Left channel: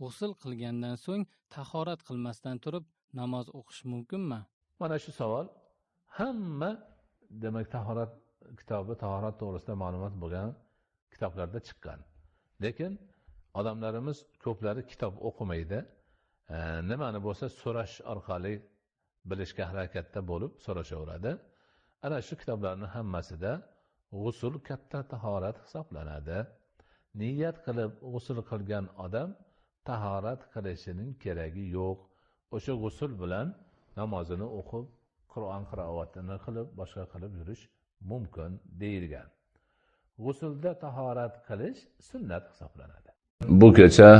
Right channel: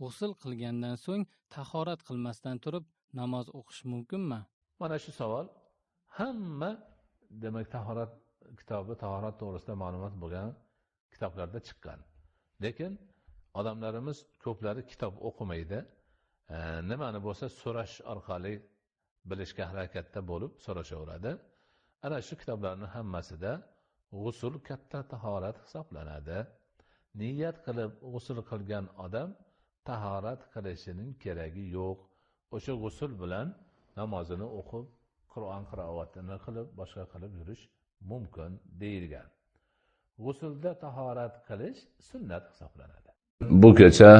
g'usl qilgandan so'ng tahorat qilmasdan turib namoz o'qish mumkinmi? Mana shu savol hamma demak tahorat kitobi, tahorat to'g'risida ma'lumot bo'lgan kitoblarda chiqqan. Lekin odamlarimiz ko'plari kitob o'qimaydi. Nimani bo'lsa so'rash orqali bilishga harakatda bo'lib so'rashaveradi. Ana shu kitoblarning hammasida g'usl katta tahorat hisoblanadi. Niyat qilib g'usl qilgan odam tahorat qilishining keragi yo'q. O'sha g'usl bilan namozini o'qib, Qur'on qiroatini qilib, boshqa qilib yurish mumkin deyilgan. G'uslda tahorat qilish sunnat hisoblanadi. Bu kecha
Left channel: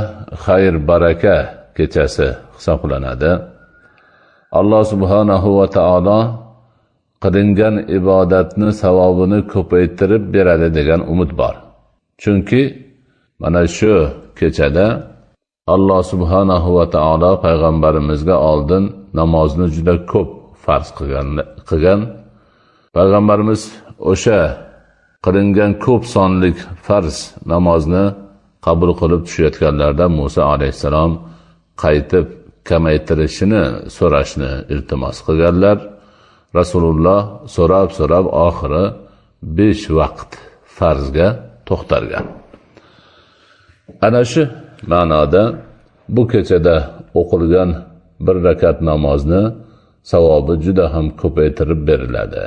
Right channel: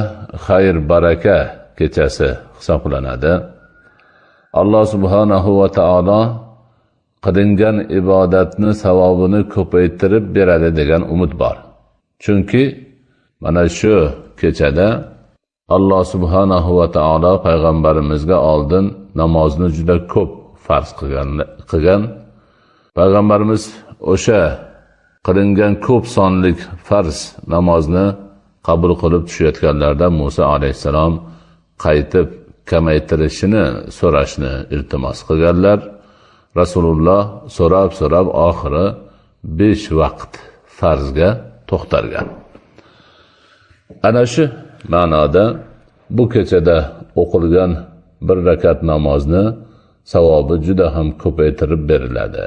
xayr baraka kechasi hisoblanadi. Alloh subhanahu va taolo qilingan ibodatni savobini ko'paytirib beradi degan umid bor. Chunki mana shu kechada Alloh subhanahu va taolo payg'ambarimizga oldin namozni juda ko'p farz qilgan. Payg'ambarimiz o'sha qilingan ko'p sonlik farz namozni qabul qilib tushayotganlarda Musa alayhissalom qaytib kamaytirishini so'rashni iltimos qilganlar. Rasululloh so'rab oxiri 5 vaqt farzga to'xtalgan. Ana shu ma'noda bu kechada o'qilgan bir rakat namozni savobi juda ham ko'paytirib beriladi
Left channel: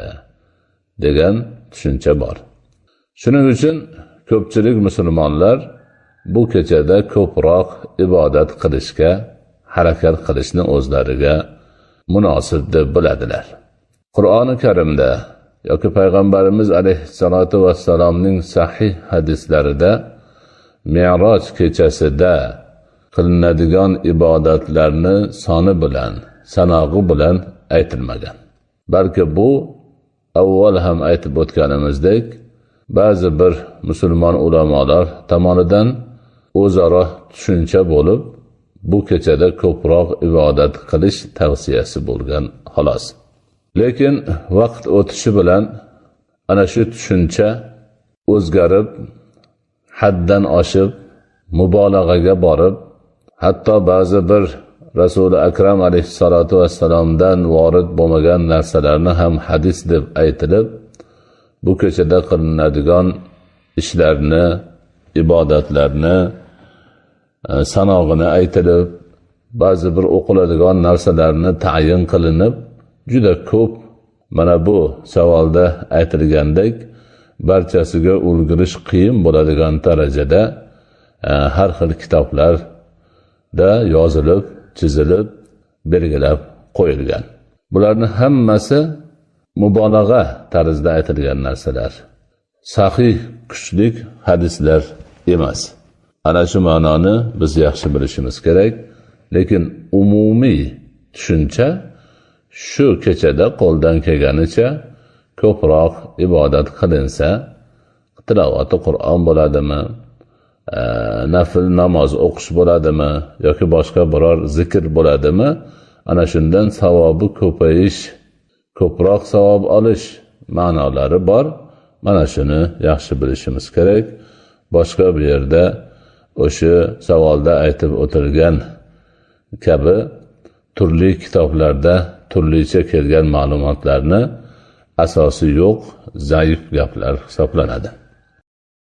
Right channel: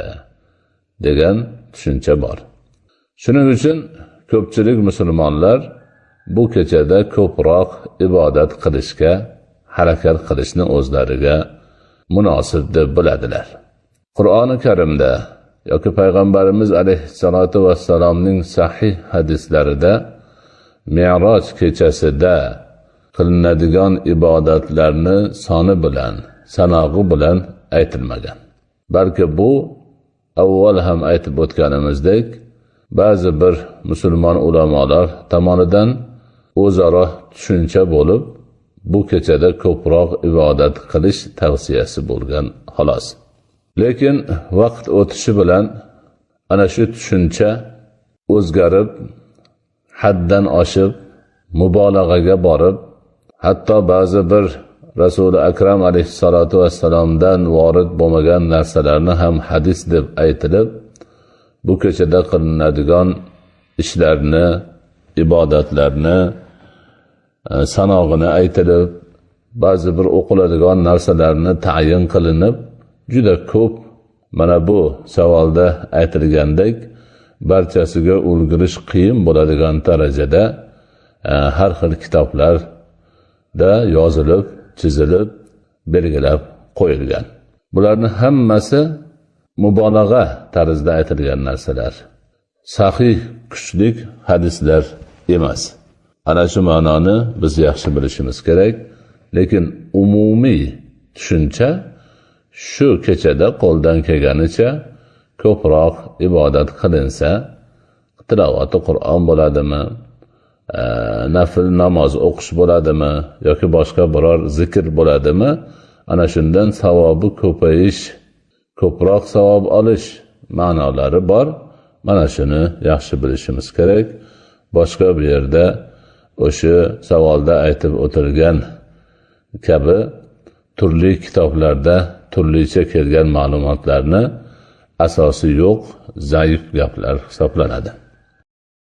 degan tushuncha bor. Shuning uchun ko'pchilik musulmonlar bu kechada ko'proq ibodat qilishga harakat qilishni o'zlariga munosib deb biladilar. Qur'oni Karimda yoki payg'ambarimiz alayhisolatu vassalomning sahih hadislarida Mi'roj kechasida qilinadigan ibodatlarni soni bilan, sanog'i bilan aytilmagan. Balki bu avval ham aytib o'tganimizdek, ba'zi bir musulmon ulamolar tomonidan o'zaro tushuncha bo'lib, bu kechada ko'proq ibodat qilish tavsiyasi bo'lgan xolos. Lekin vaqt o'tishi bilan ana shu tushuncha o'zgarib, haddan oshib, mubolag'aga borib, hatto ba'zi bir Rasuli Akram alayhissalatu vassalomdan vorid bo'lmagan narsalarni ham hadis deb aytilib, bu kechada qilinadigan ishlarni, ibodatlarni sanog'ini aytilib, ba'zi bir o'qiladigan narsalarni tayin qilinib, juda ko'p mana bu savolda aytilgandek barchasiga ulgurish qiyin bo'ladigan darajada har xil kitoblarda yozilib, chizilib, belgilab qo'yilgan. Bularning hammasi mubolag'a tarzida aytilgan narsalar. Sahih, kuchli hadislar emas. Ana shu ma'noni biz yaxshi bilishimiz kerak. Lekin umumiy tushuncha shu kechada qo'ldan kelganicha ko'proq ibodat qilinsa, tilovati Qur'on bo'ladimi, nafl namoz o'qish bo'ladimi yoki boshqa biror zikr bo'ladimi, ana shundan savobi ko'payish, ko'proq savob olish ma'nolari bor. Mana shuni yaxshi bilishimiz kerak. Boshqa bir yerda o'sha savolda aytib o'tilgan kabi turli kitoblarda turlicha kelgan ma'lumotlarni asosi yo'q, zaif gaplar hisoblanadi.